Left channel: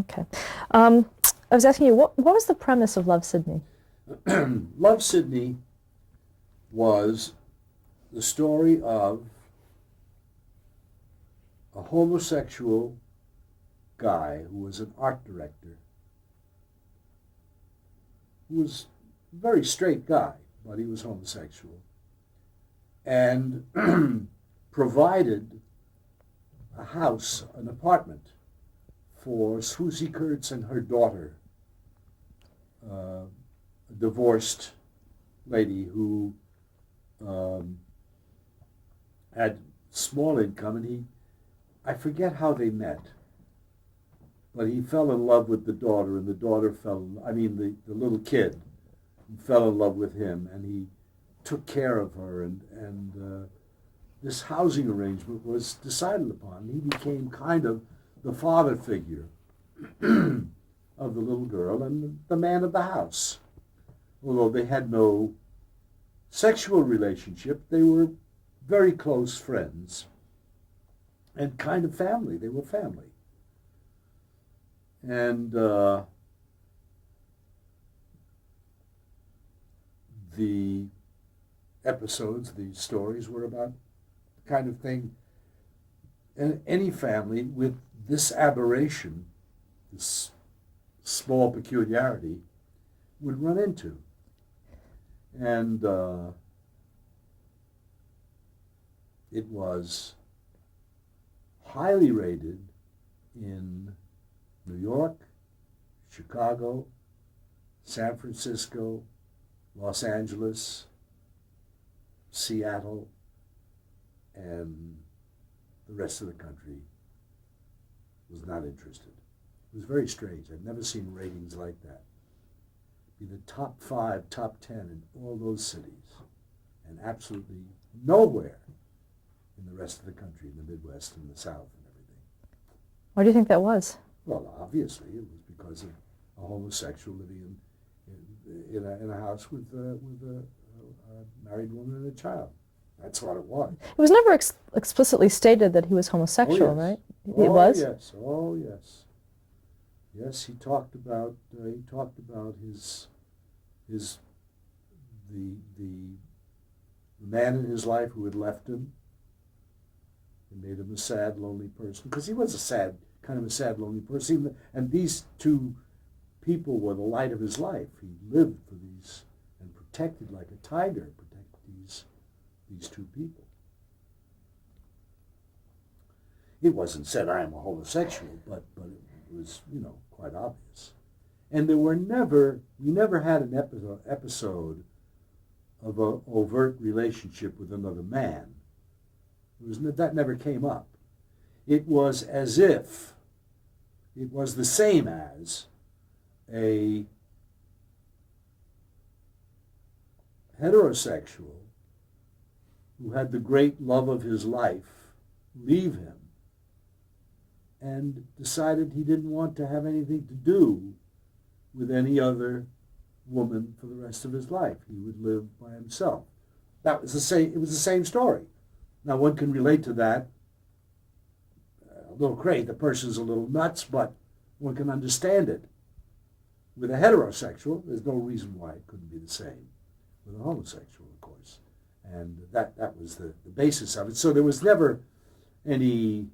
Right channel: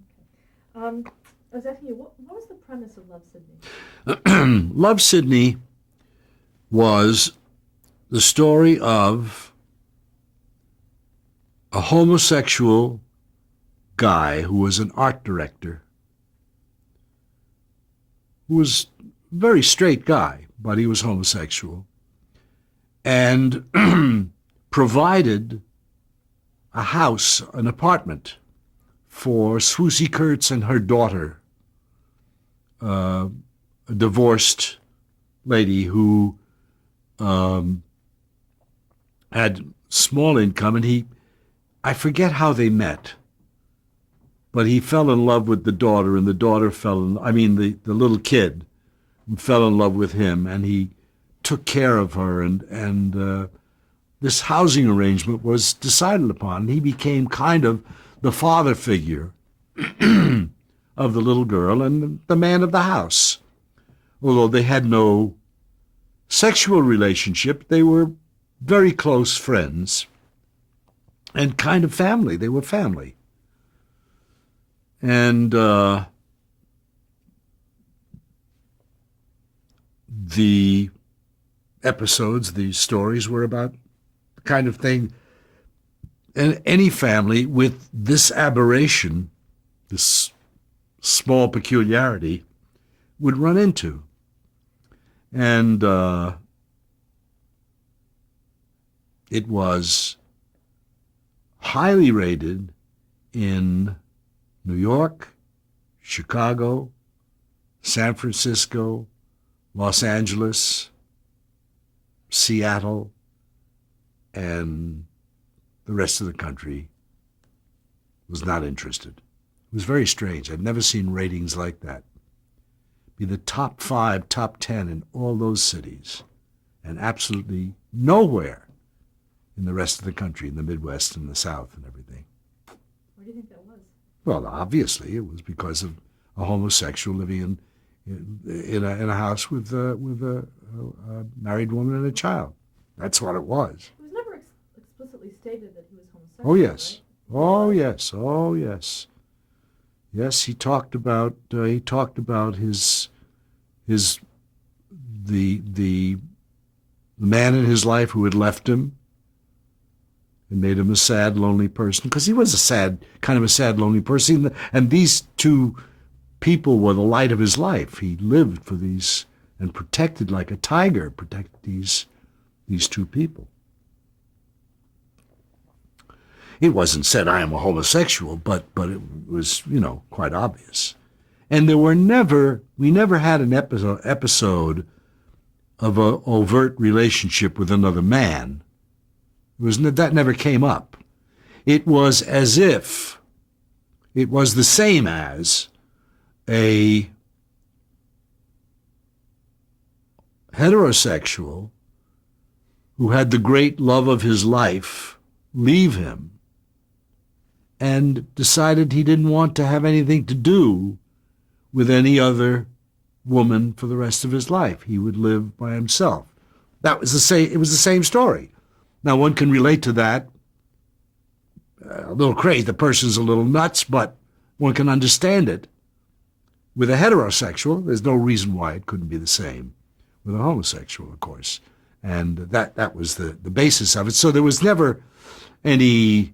Okay. I was asking you, what was the premise of Love, Sydney? Love Sydney was the story of a homosexual guy who was an art director, who was a very straight guy, but he was homosexual, and provided a house, an apartment for Swoosie Kurtz and her daughter, uh, a divorced lady who um, had small income, and I forget how they met, but he fell in love with the daughter, and the daughter the little kid fell in love with him, and he took care of her, and this housing arrangement was decided upon. He became kind of the father figure of the little girl and the man of the house. Although they had no sexual relationship, they were very close friends and kind of family. They were family. And the episodes, the stories were about the kind of thing and any family with this aberration, this small peculiarity, would run into. And it was highly rated in New York, Chicago, San Francisco, Los Angeles, Seattle, and the rest of the country was not interested. It was very strange. I'd never seen ratings like that. Be the top 5, top 10 in all those cities, and absolutely nowhere in the rest of the country, in the Midwest and the South and everything. Why do you think that was? Well, obviously, it was because of a homosexual living in a house with a married woman and a child. That's what it was. It was never explicitly stated that he was Oh homosexual, yes. right? He Oh was? yes. Oh yes. Yes, he talked about his the man in his life who had left him and made him a sad, lonely person, because he was a sad, lonely person. And these two people were the light of his life. He lived for these and protected like a tiger, protected these two people. It wasn't said I am a homosexual, but it was, quite obvious. And we never had an episode of an overt relationship with another man. That never came up. It was as if it was the same as a heterosexual who had the great love of his life leave him and decided he didn't want to have anything to do with any other woman for the rest of his life. He would live by himself. It was the same story. Now, one can relate to that. A little crazy. The person's a little nuts, but one can understand it. With a heterosexual, there's no reason why it couldn't be the same with a homosexual, of course. And that was the basis of it. So there was never any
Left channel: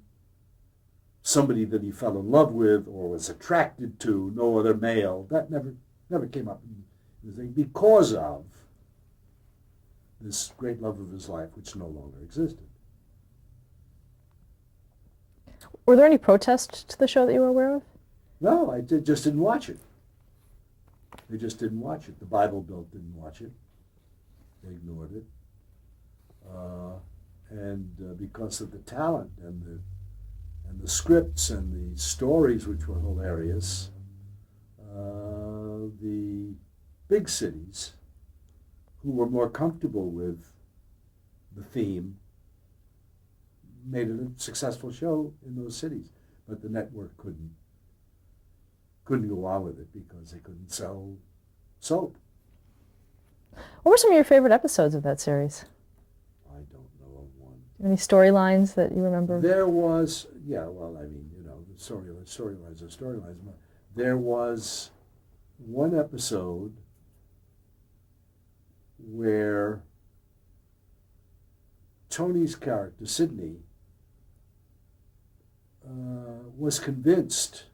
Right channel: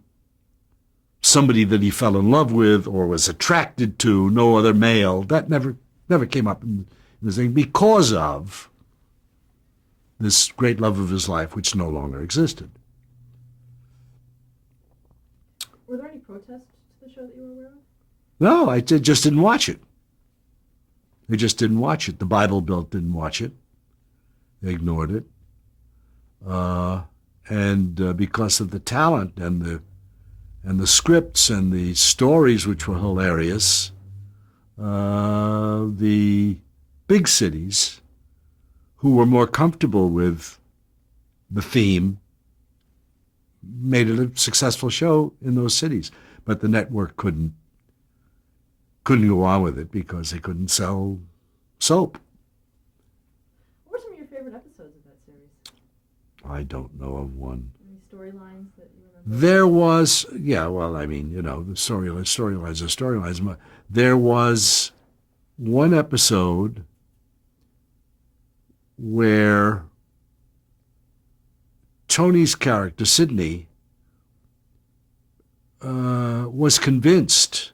somebody that he fell in love with or was attracted to, no other male. That never came up in the thing because of this great love of his life, which no longer existed. Were there any protests to the show that you were aware of? No, just didn't watch it. They just didn't watch it. The Bible Belt didn't watch it. They ignored it. And because of the talent and the scripts and the stories, which were hilarious, the big cities who were more comfortable with the theme made it a successful show in those cities. But the network couldn't go on with it because they couldn't sell soap. What were some of your favorite episodes of that series? I don't know of one. Any storylines that you remember? There was, yeah, well, I mean, you know, the storylines are storylines. There was one episode where Tony's character, Sidney, was convinced,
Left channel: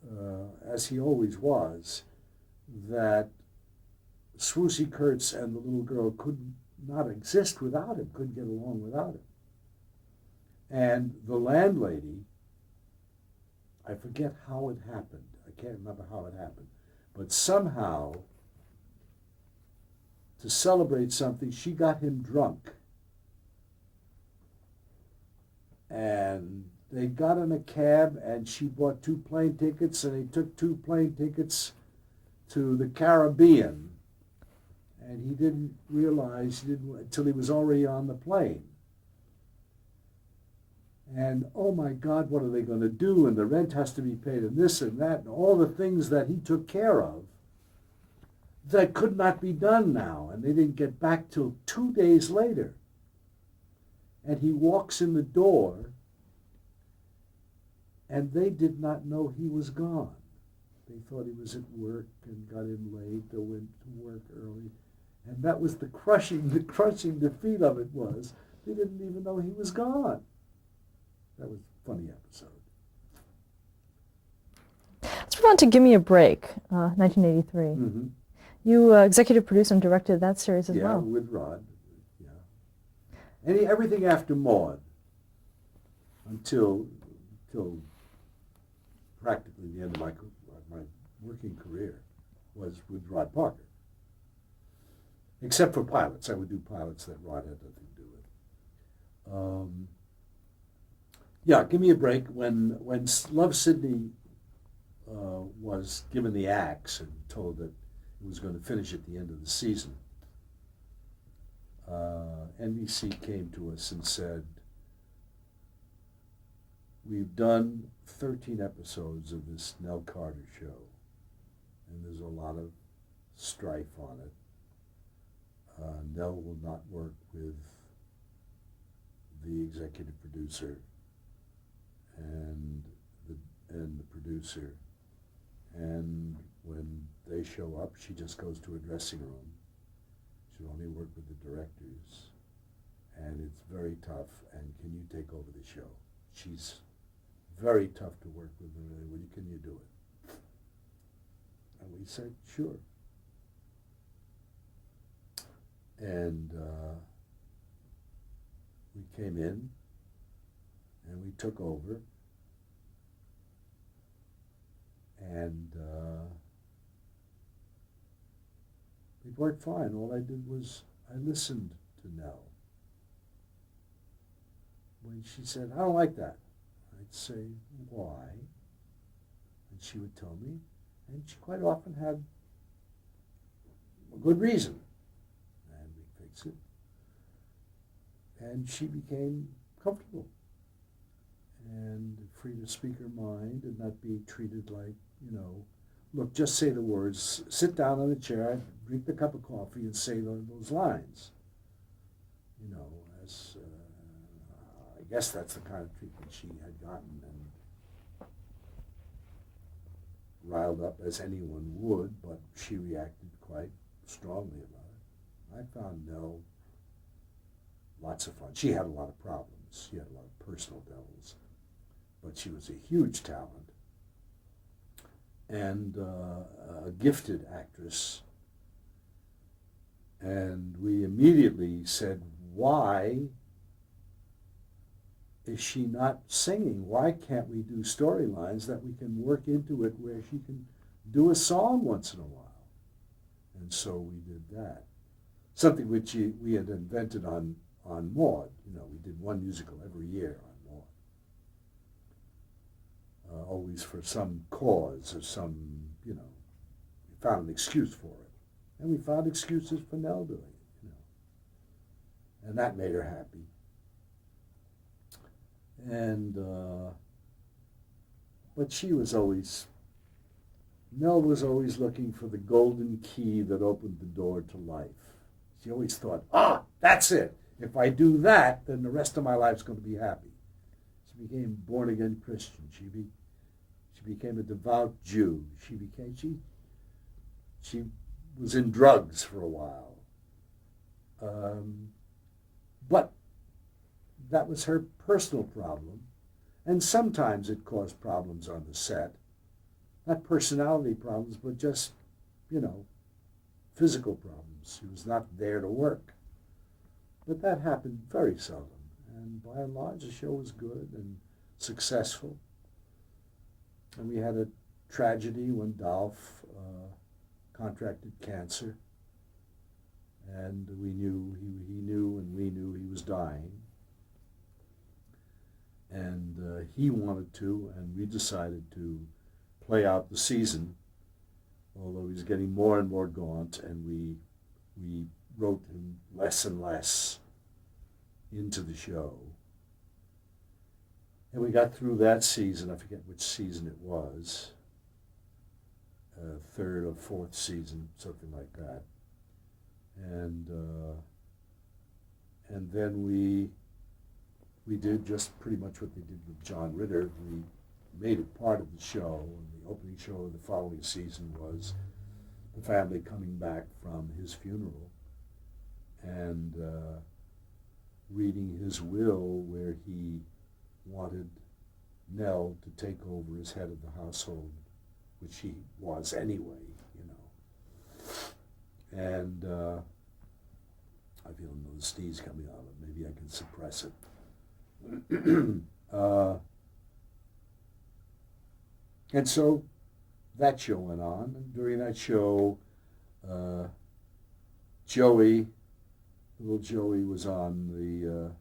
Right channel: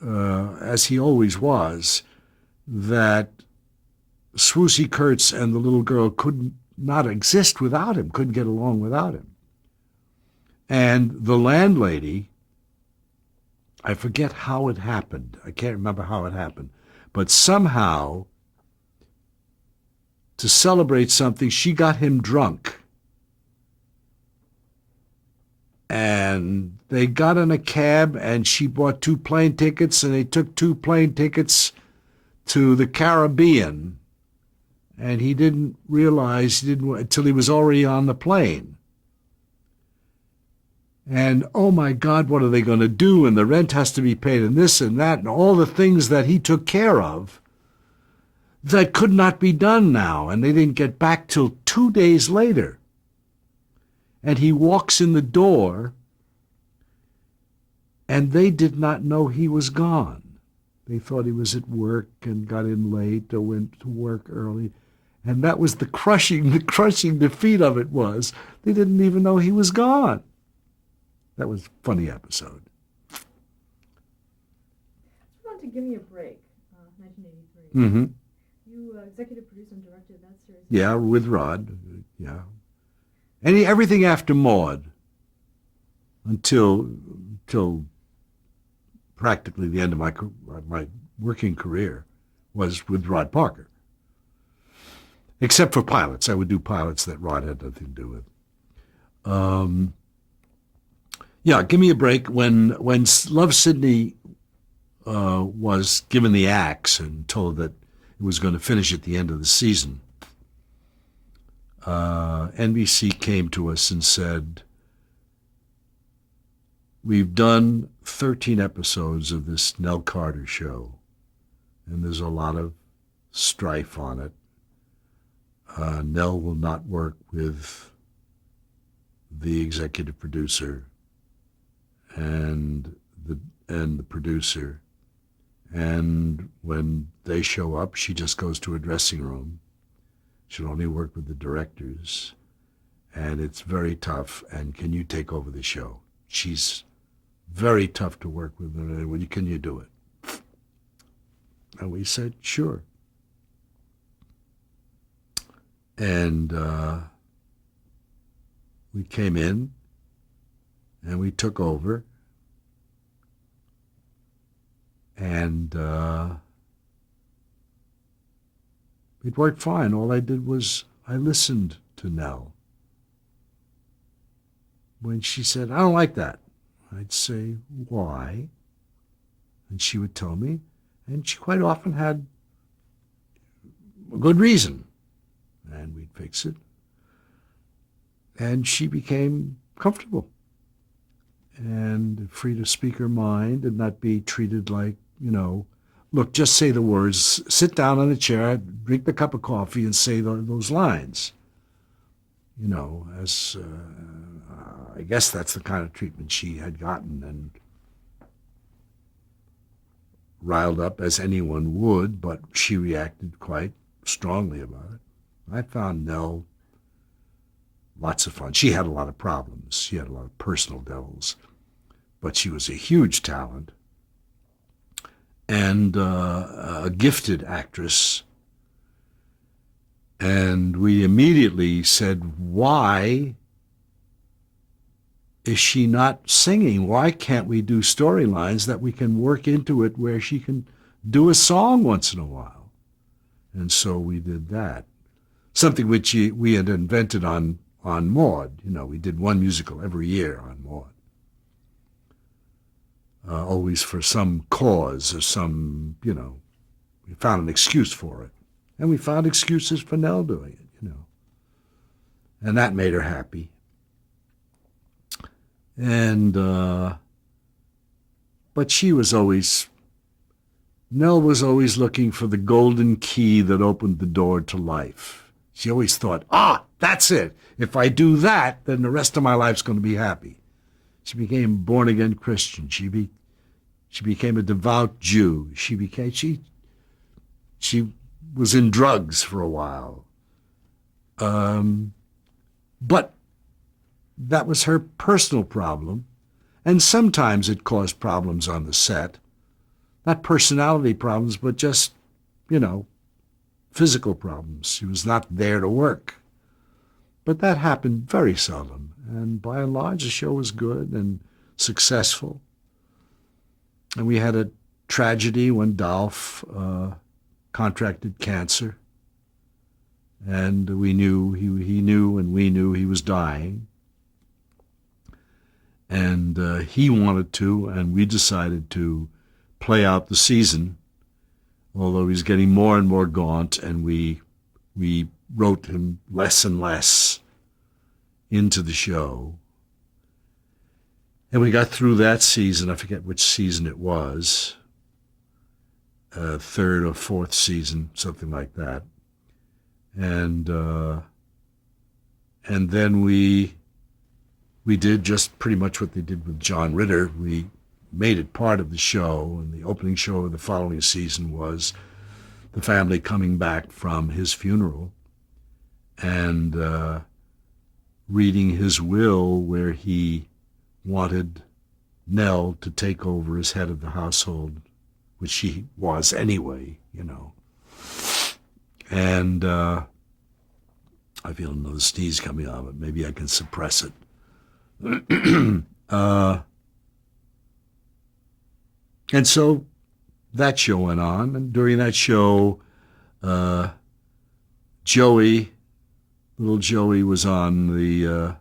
as he always was, that Swoosie Kurtz and the little girl could not exist without him, couldn't get along without him. And the landlady, I forget how it happened. I can't remember how it happened. But somehow, to celebrate something, she got him drunk. And they got in a cab, and she bought 2 plane tickets, and they took 2 plane tickets to the Caribbean. And he didn't realize, until he was already on the plane. And, oh my God, what are they going to do? And the rent has to be paid, and this and that, and all the things that he took care of that could not be done now. And they didn't get back till 2 days later. And he walks in the door, and they did not know he was gone. They thought he was at work and got in late or went to work early. And that was the crushing defeat of it was. They didn't even know he was gone. That was a funny episode. Let's move on to Give Me a Break, 1983. Mm-hmm. You executive produced and directed that series as well. Yeah, with Rod. Yeah. Everything after Maude until practically the end of my working career was with Rod Parker. Except for pilots. I would do pilots that Rod had nothing to do with. Yeah, Give Me a Break. When Love Sidney was given the axe and told that it was going to finish at the end of the season, NBC came to us and said, we've done 13 episodes of this Nell Carter show, and there's a lot of strife on it. Nell will not work with the executive producer and the producer, and when they show up, she just goes to a dressing room. She'll only work with the directors, and it's very tough. And can you take over the show? She's very tough to work with. Can you do it? And we said, sure. And we came in, and we took over, and it worked fine. All I did was I listened to Nell. When she said, I don't like that, I'd say, why? And she would tell me, and she quite often had a good reason, and we'd fix it. And she became comfortable and free to speak her mind and not be treated like, look, just say the words, sit down on the chair, drink the cup of coffee, and say those lines. I guess that's the kind of treatment she had gotten, and riled up as anyone would, but she reacted quite strongly about it. I found Nell lots of fun. She had a lot of problems. She had a lot of personal devils, but she was a huge talent and a gifted actress. And we immediately said, why is she not singing? Why can't we do storylines that we can work into it where she can do a song once in a while? And so we did that. Something which we had invented on Maude. We did one musical every year on Maude. Always for some cause or some, we found an excuse for it. And we found excuses for Nell doing it, And that made her happy. And, but Nell was always looking for the golden key that opened the door to life. She always thought, That's it. If I do that, then the rest of my life's going to be happy. She became a born-again Christian. She became a devout Jew. She was in drugs for a while. But that was her personal problem. And sometimes it caused problems on the set. Not personality problems, but just, physical problems. She was not there to work. But that happened very seldom. And by and large, the show was good and successful. And we had a tragedy when Dolph contracted cancer. And we knew, he knew, and we knew he was dying. And he wanted to, and we decided to play out the season, although he's getting more and more gaunt, and we wrote him less and less into the show. And we got through that season. I forget which season it was, third or fourth season, something like that. And then we did just pretty much what they did with John Ritter. We made it part of the show, and the opening show of the following season was the family coming back from his funeral and reading his will, where he wanted Nell to take over as head of the household, which she was anyway, And I feel another sneeze coming on, but maybe I can suppress it. And so that show went on, and during that show, little Joey was on the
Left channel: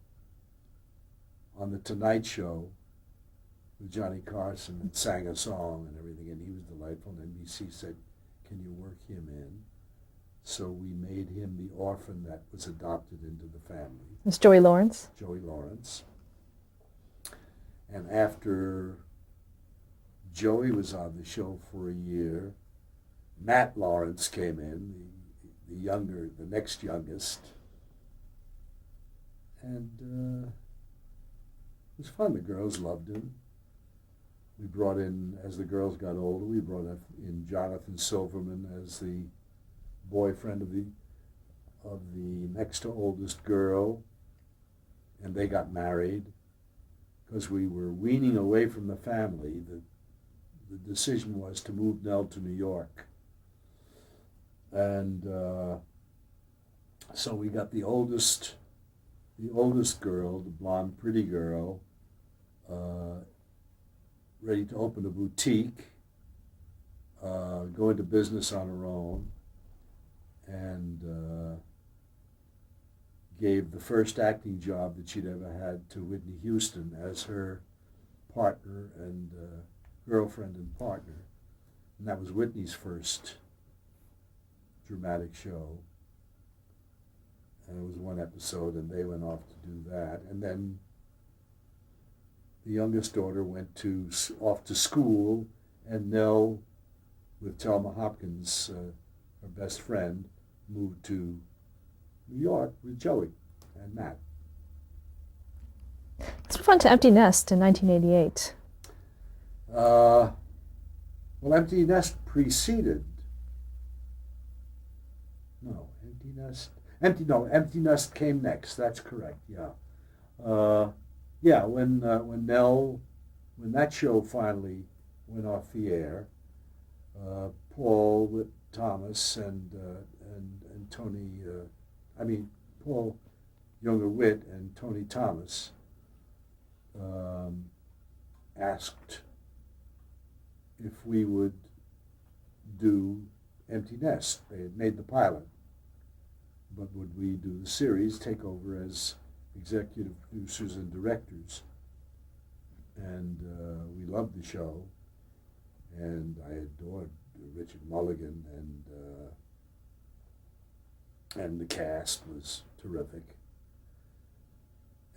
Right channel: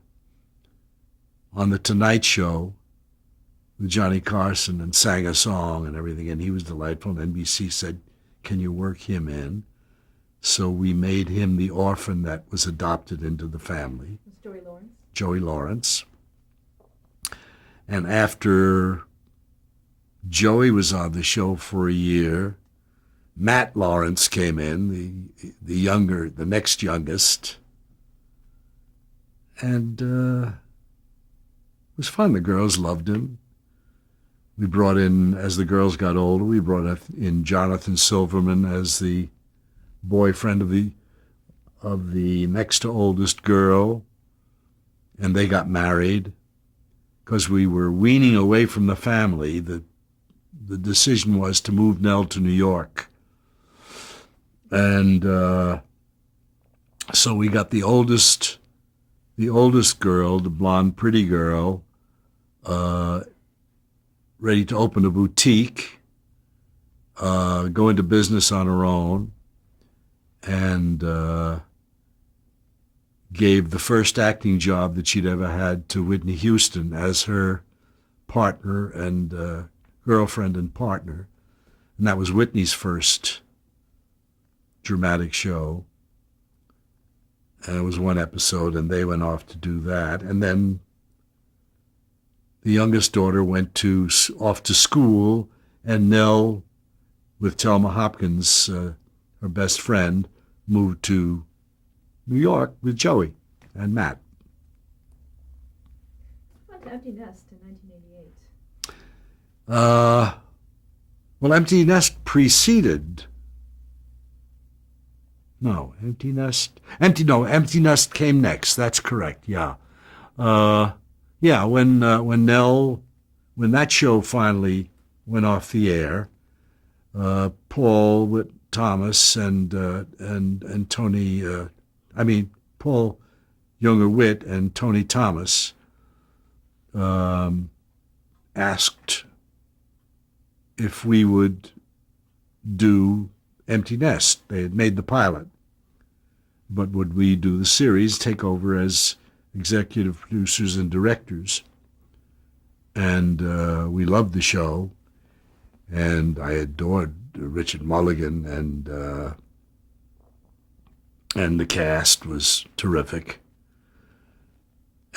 Tonight Show with Johnny Carson and sang a song and everything, and he was delightful. And NBC said, "Can you work him in?" So we made him the orphan that was adopted into the family. It's Joey Lawrence. Joey Lawrence. And after Joey was on the show for a year, Matt Lawrence came in, the next youngest. And it was fun. The girls loved him. We brought in, as the girls got older, we brought in Jonathan Silverman as the boyfriend of the next to oldest girl, and they got married. Because we were weaning away from the family, the decision was to move Nell to New York. And so we got the oldest girl, the blonde, pretty girl, ready to open a boutique, go into business on her own, and gave the first acting job that she'd ever had to Whitney Houston as her partner and girlfriend and partner. And that was Whitney's first dramatic show. And it was one episode, and they went off to do that. And then the youngest daughter went off to school, and Nell, with Thelma Hopkins, her best friend, moved to New York with Joey and Matt. Let's move on to Empty Nest in 1988. Well, Empty Nest preceded. No, Empty Nest came next. That's correct. Yeah, when that show finally went off the air, Paul Thomas and Tony. Paul Younger-Witt and Tony Thomas asked if we would do Empty Nest. They had made the pilot, but would we do the series, take over as executive producers and directors? And we loved the show, and I adored Richard Mulligan, and the cast was terrific.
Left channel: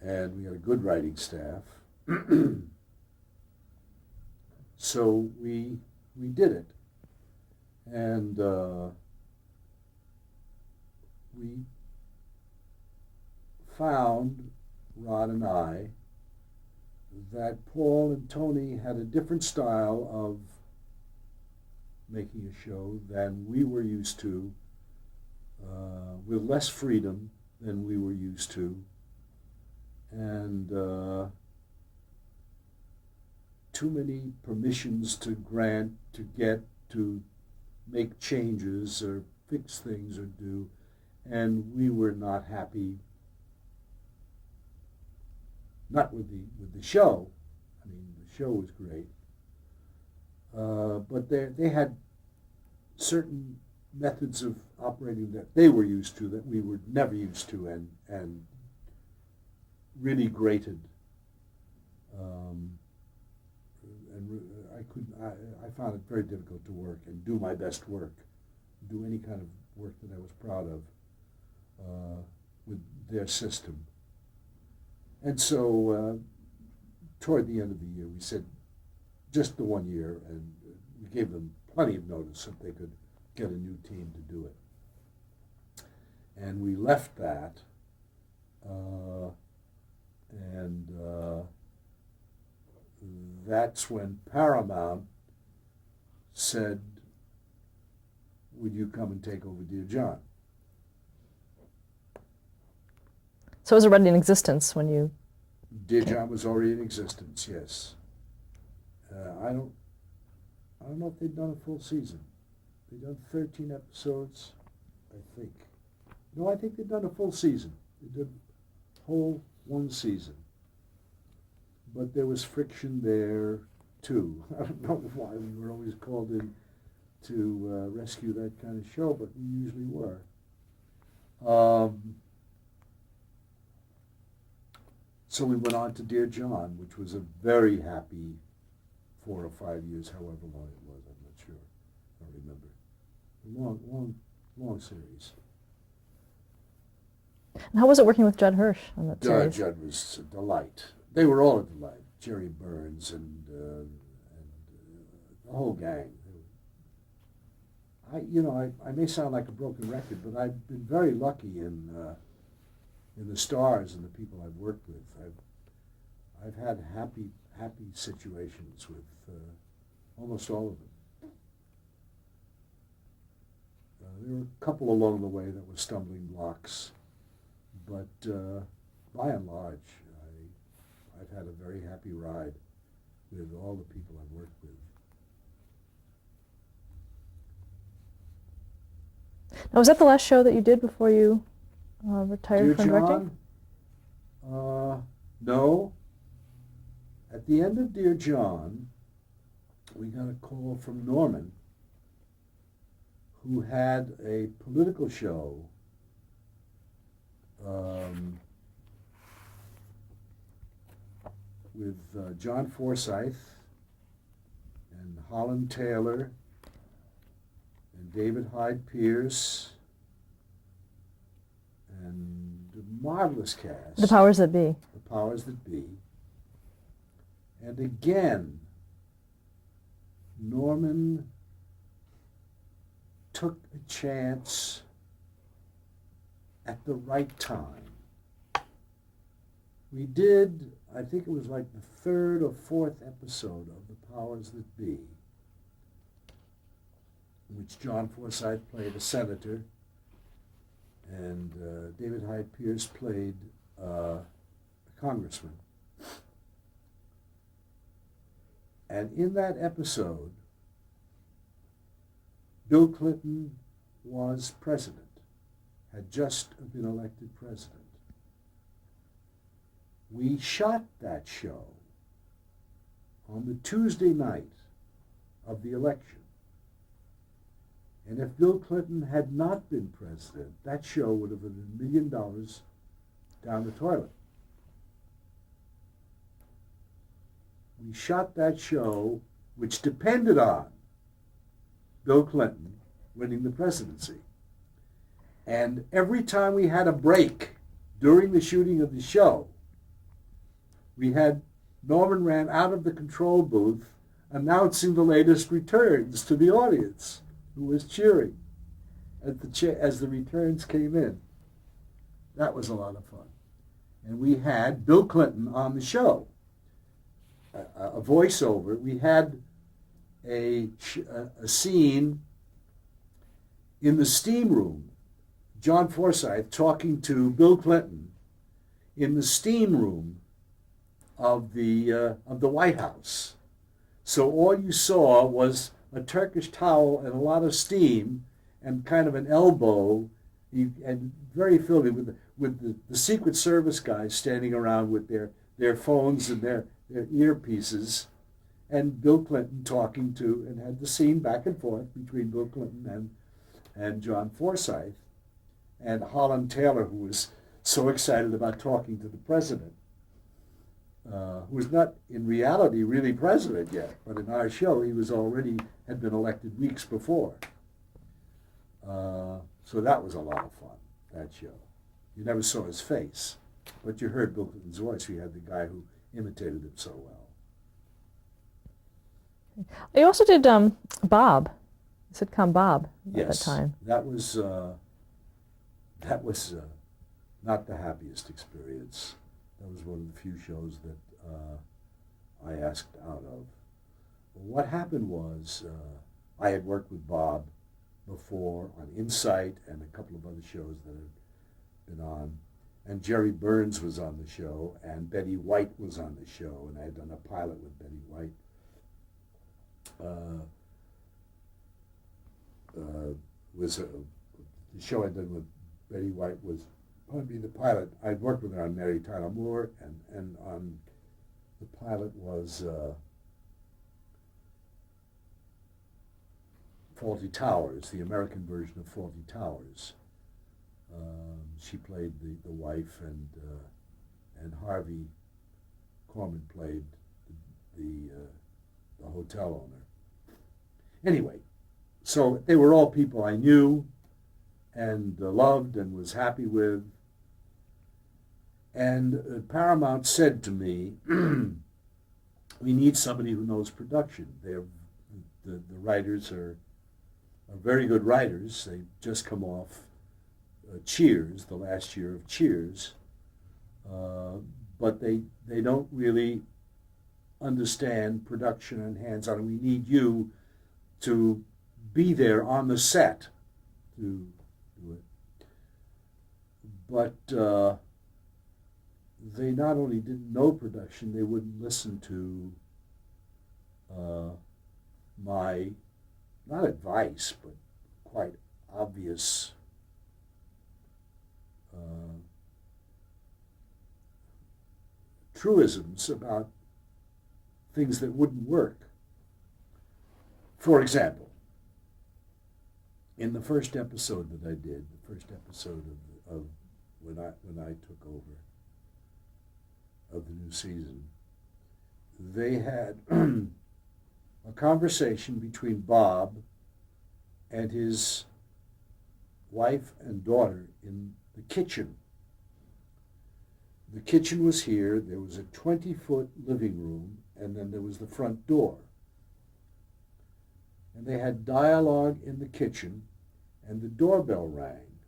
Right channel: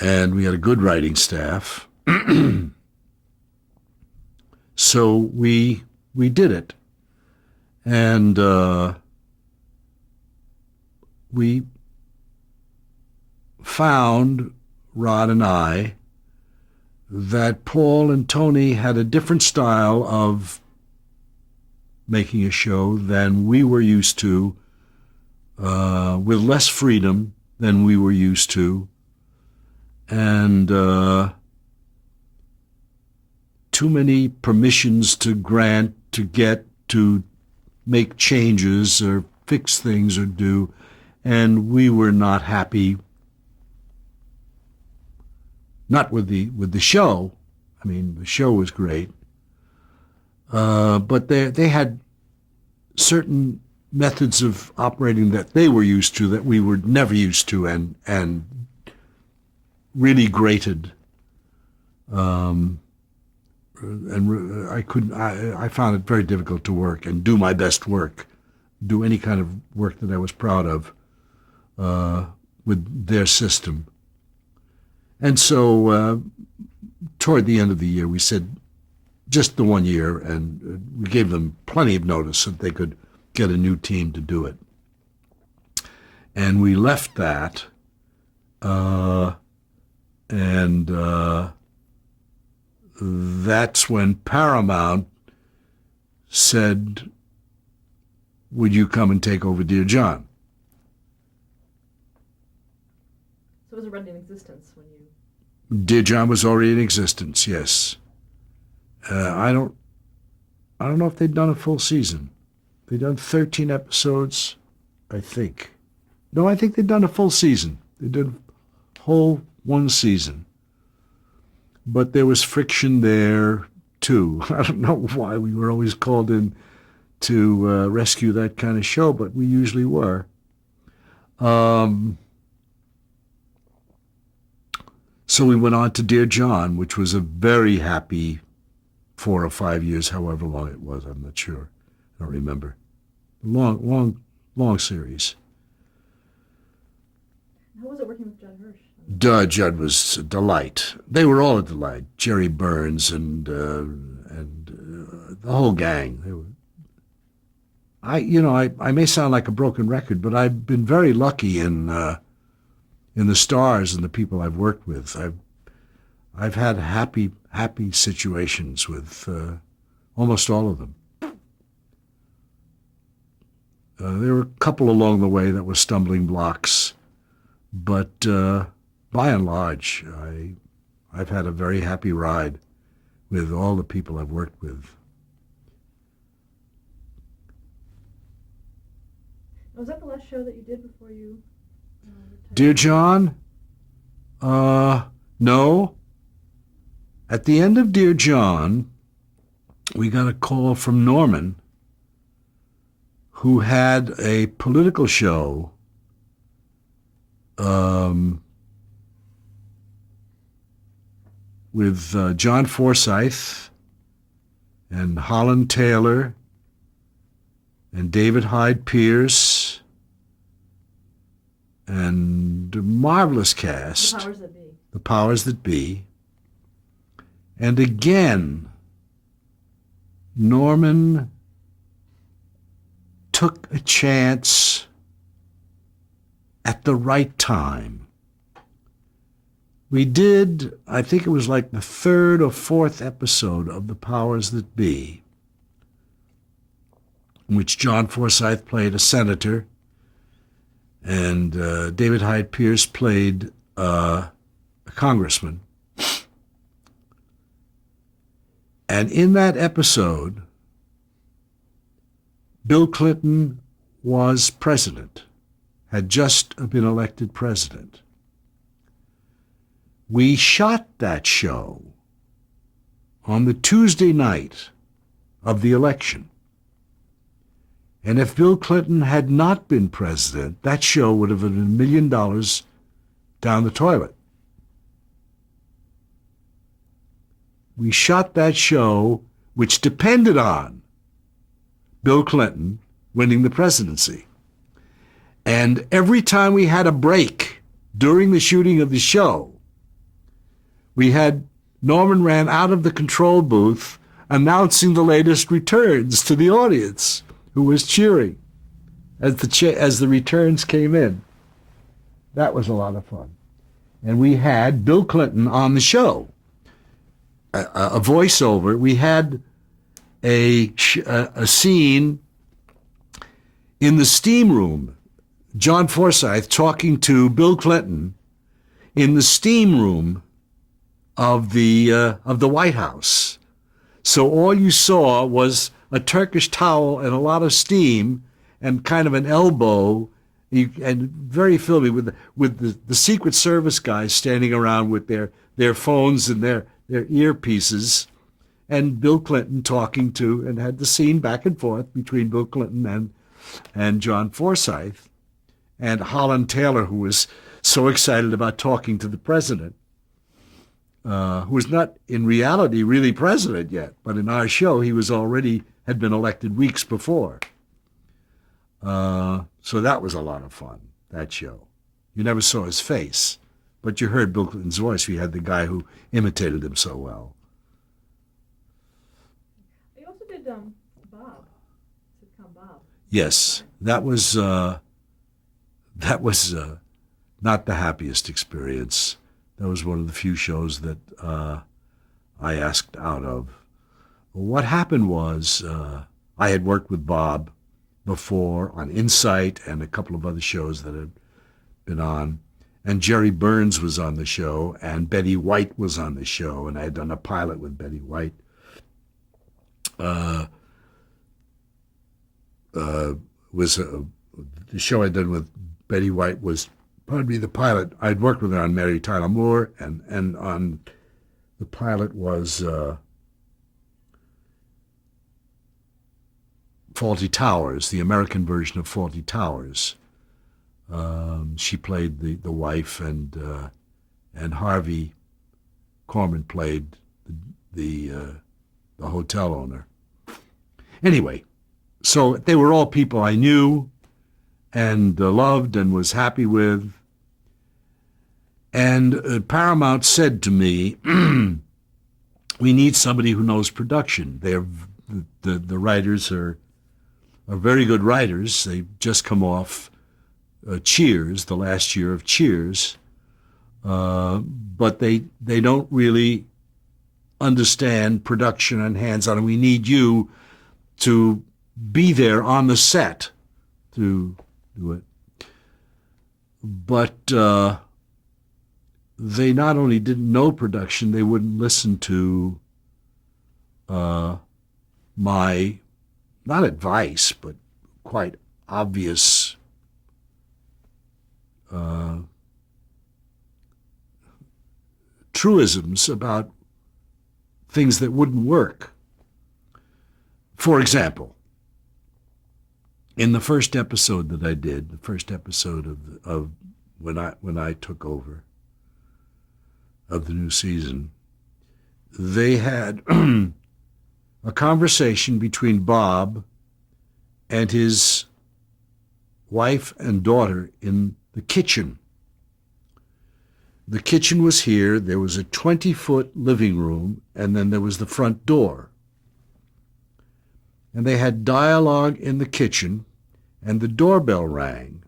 And we had a good writing staff. So we did it. And we found, Rod and I, that Paul and Tony had a different style of making a show than we were used to, with less freedom than we were used to, and too many permissions to grant, to get, to make changes or fix things or do, and we were not happy. Not with the show. I mean, the show was great, but they had certain methods of operating that they were used to that we were never used to, and really grated. And I couldn't. I found it very difficult to work and do my best work, do any kind of work that I was proud of, with their system. And so toward the end of the year, we said just the 1 year, and we gave them plenty of notice that they could get a new team to do it. And we left that, and that's when Paramount said, would you come and take over Dear John? So it was already in existence when you... Dear John was already in existence, yes. I don't know if they'd done a full season. They'd done 13 episodes, I think. No, I think they'd done a full season. They did a whole one season. But there was friction there, too. I don't know why we were always called in to rescue that kind of show, but we usually were. So we went on to Dear John, which was a very happy 4 or 5 years, however long it was. I'm not sure. I don't remember. Long series. And how was it working with Judd Hirsch on that series? Judd was a delight. They were all a delight. Jerry Burns and the whole gang. They were, I may sound like a broken record, but I've been very lucky in the stars and the people I've worked with. I've had happy situations with almost all of them. There were a couple along the way that were stumbling blocks, but by and large, I've had a very happy ride with all the people I've worked with. Now, was that the last show that you did before you retired? Dear from John? No. At the end of Dear John, we got a call from Norman, who had a political show with John Forsythe and Holland Taylor and David Hyde Pierce and a marvelous cast. The Powers That Be. The Powers That Be. And again, Norman took a chance at the right time. We did, I think it was like the 3rd or 4th episode of The Powers That Be, in which John Forsythe played a senator and David Hyde Pierce played a congressman. And in that episode, Bill Clinton was president, had just been elected president. We shot that show on the Tuesday night of the election. And if Bill Clinton had not been president, that show would have been $1 million down the toilet. We shot that show, which depended on Bill Clinton winning the presidency. And every time we had a break during the shooting of the show, we had Norman ran out of the control booth announcing the latest returns to the audience, who was cheering as the returns came in. That was a lot of fun. and we had Bill Clinton on the show. A voiceover. We had a scene in the steam room. John Forsythe talking to Bill Clinton in the steam room of the White House. So all you saw was a Turkish towel and a lot of steam and kind of an elbow, and very filmy with the Secret Service guys standing around with their phones and their earpieces, and Bill Clinton talking to, and had the scene back and forth between Bill Clinton and John Forsythe, and Holland Taylor, who was so excited about talking to the president, who was not in reality really president yet, but in our show he had been elected weeks before. So that was a lot of fun, that show. You never saw his face, but you heard Bill Clinton's voice. We had the guy who imitated him so well. You also did Bob, sitcom Bob. Yes, that was not the happiest experience. That was one of the few shows that I asked out of. What happened was I had worked with Bob before on Insight and a couple of other shows that had been on, and Jerry Burns was on the show, and Betty White was on the show, and I had done a pilot with Betty White. The show I'd done with Betty White was probably the pilot. I'd worked with her on Mary Tyler Moore, and on the pilot was Fawlty Towers, the American version of Fawlty Towers. She played the wife, and Harvey Korman played the hotel owner. Anyway, so they were all people I knew and loved and was happy with. And Paramount said to me, we need somebody who knows production. The writers are very good writers. They've just come off Cheers, the last year of Cheers, but they don't really understand production and hands-on. And we need you to be there on the set to do it. But they not only didn't know production, they wouldn't listen to my, not advice, but quite obvious truisms about things that wouldn't work. For example, in the first episode that I did, the first episode of when I took over of the new season, they had a conversation between Bob and his wife and daughter in the kitchen. The kitchen was here. There was a 20-foot living room, and then there was the front door. And they had dialogue in the kitchen, and the doorbell rang.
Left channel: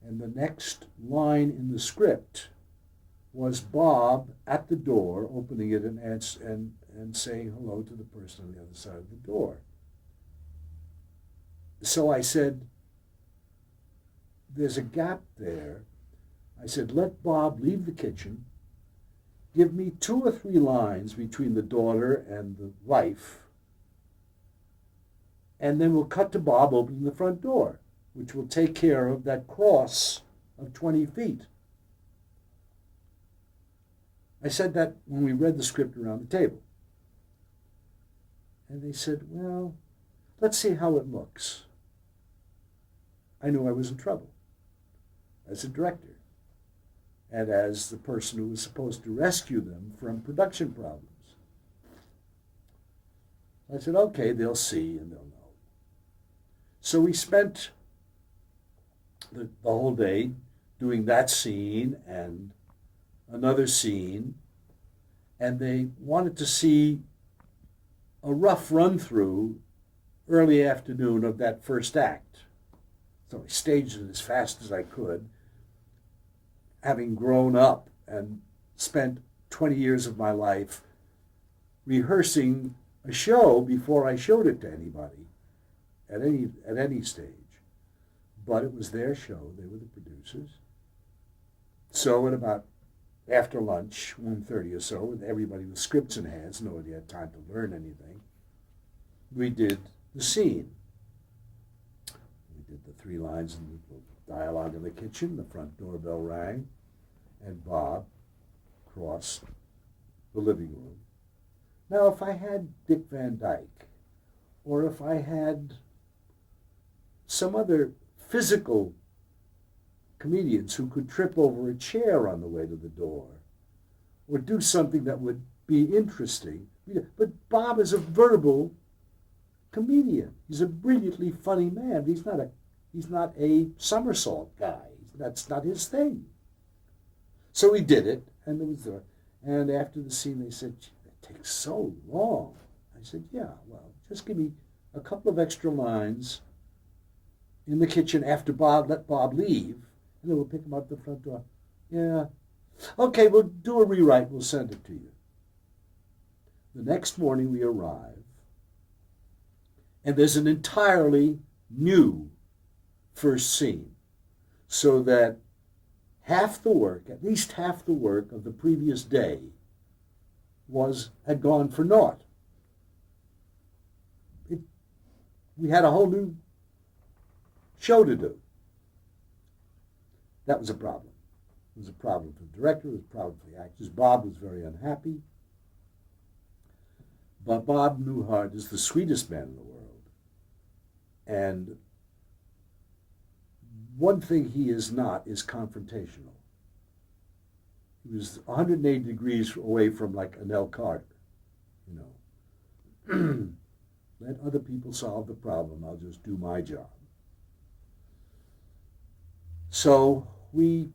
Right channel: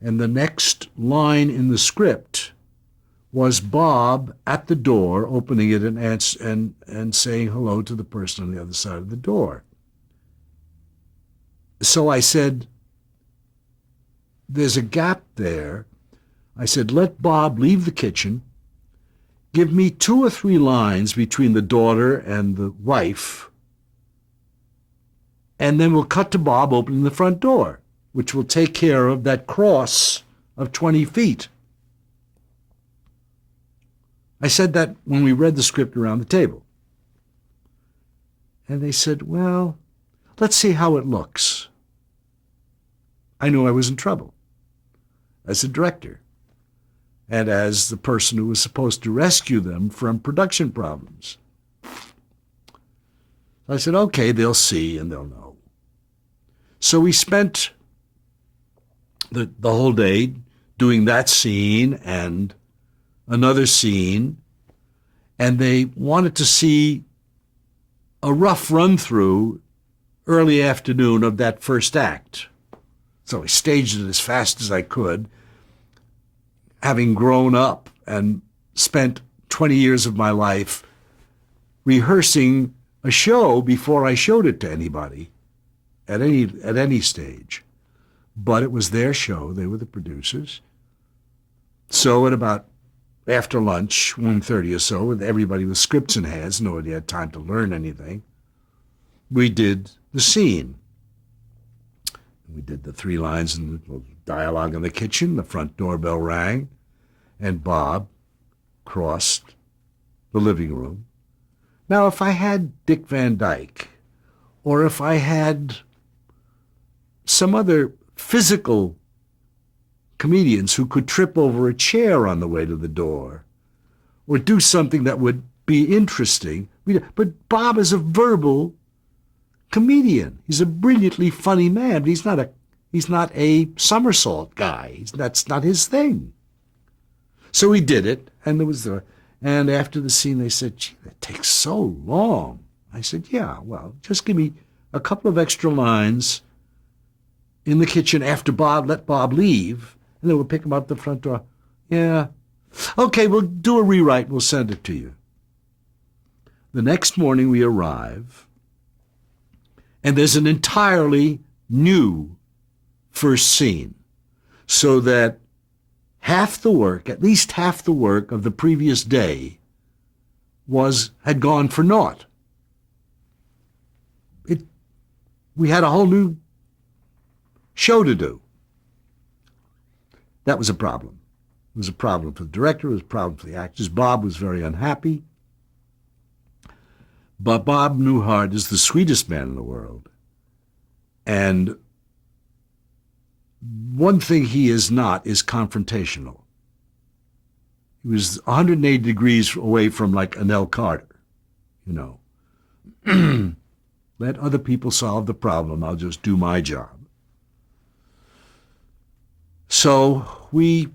And the next line in the script was Bob at the door, opening it and saying hello to the person on the other side of the door. So I said, there's a gap there. I said, let Bob leave the kitchen, give me 2 or 3 lines between the daughter and the wife, and then we'll cut to Bob opening the front door, which will take care of that cross of 20 feet. I said that when we read the script around the table. And they said, well, let's see how it looks. I knew I was in trouble as a director and as the person who was supposed to rescue them from production problems. I said, okay, they'll see and they'll know. So we spent the whole day doing that scene and another scene, and they wanted to see a rough run-through early afternoon of that first act. So I staged it as fast as I could, having grown up and spent 20 years of my life rehearsing a show before I showed it to anybody at any stage. But it was their show. They were the producers. So at about after lunch, 1:30 or so, with everybody with scripts in hands, nobody had time to learn anything, we did the scene. We did the 3 lines and dialogue in the kitchen. The front doorbell rang, and Bob crossed the living room. Now, if I had Dick Van Dyke, or if I had some other physical comedians who could trip over a chair on the way to the door, or do something that would be interesting, but Bob is a verbal comedian. He's a brilliantly funny man, but he's not a somersault guy. That's not his thing. So we did it, and after the scene they said, "Gee, that takes so long." I said, "Yeah, well, just give me a couple of extra lines in the kitchen after let Bob leave, and then we'll pick him up the front door." "Yeah. Okay, we'll do a rewrite. We'll send it to you." The next morning we arrive, and there's an entirely new first scene, so that at least half the work of the previous day had gone for naught. We had a whole new show to do. That was a problem. It was a problem for the director, it was a problem for the actors. Bob was very unhappy. But Bob Newhart is the sweetest man in the world. And one thing he is not is confrontational. He was 180 degrees away from like Anel Carter, you know. Let other people solve the problem. I'll just do my job. So we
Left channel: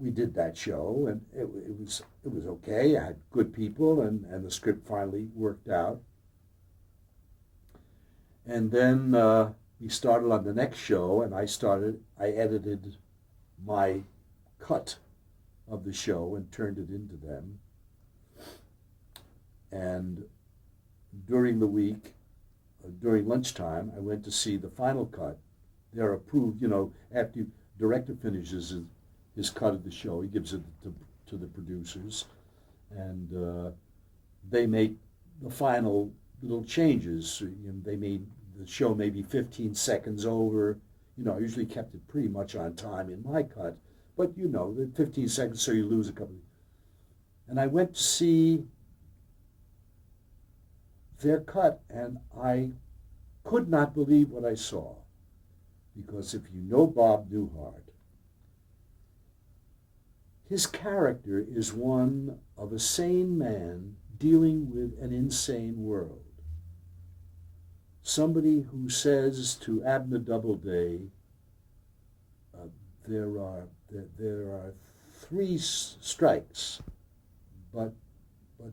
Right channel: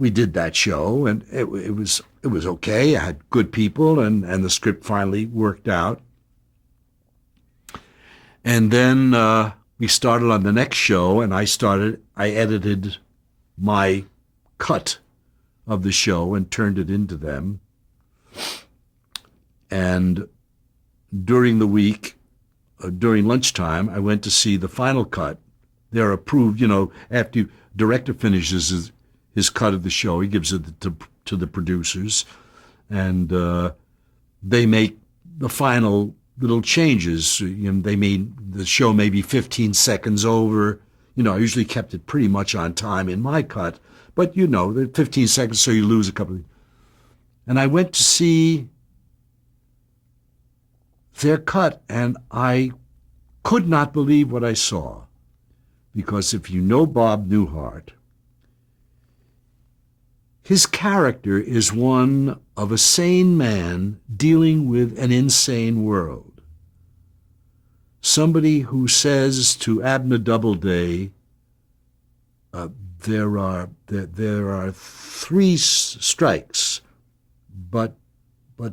did that show, and it was okay. I had good people, and the script finally worked out. And then we started on the next show, and I edited my cut of the show and turned it into them. And during the week, during lunchtime, I went to see the final cut. They're approved, after director finishes his cut of the show, he gives it to the producers, and they make the final little changes. The show may be 15 seconds over. I usually kept it pretty much on time in my cut, but the 15 seconds, so you lose a couple. And I went to see their cut, and I could not believe what I saw. Because if you know Bob Newhart, his character is one of a sane man dealing with an insane world. Somebody who says to Abner Doubleday, there are 3 strikes, but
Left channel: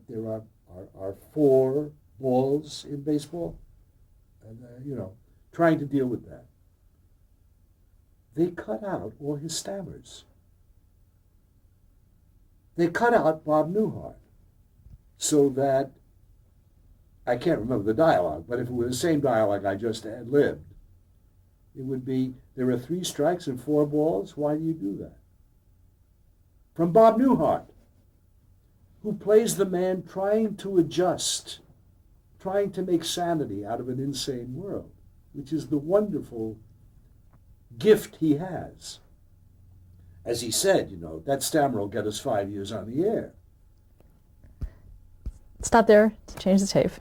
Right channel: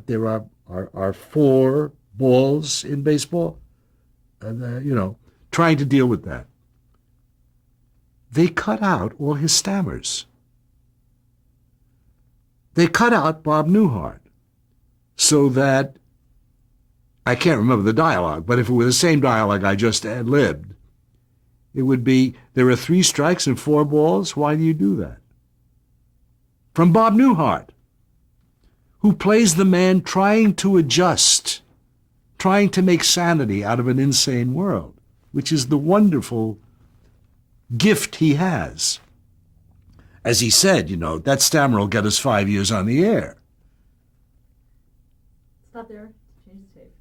there are 4 balls in baseball, and trying to deal with that. They cut out all his stammers. They cut out Bob Newhart so that, I can't remember the dialogue, but if it were the same dialogue I just ad-libbed, it would be, there are 3 strikes and 4 balls. Why do you do that? From Bob Newhart, who plays the man trying to adjust, trying to make sanity out of an insane world, which is the wonderful gift he has. As he said, that stammer will get us 5 years on the air. Stop there. Change the tape.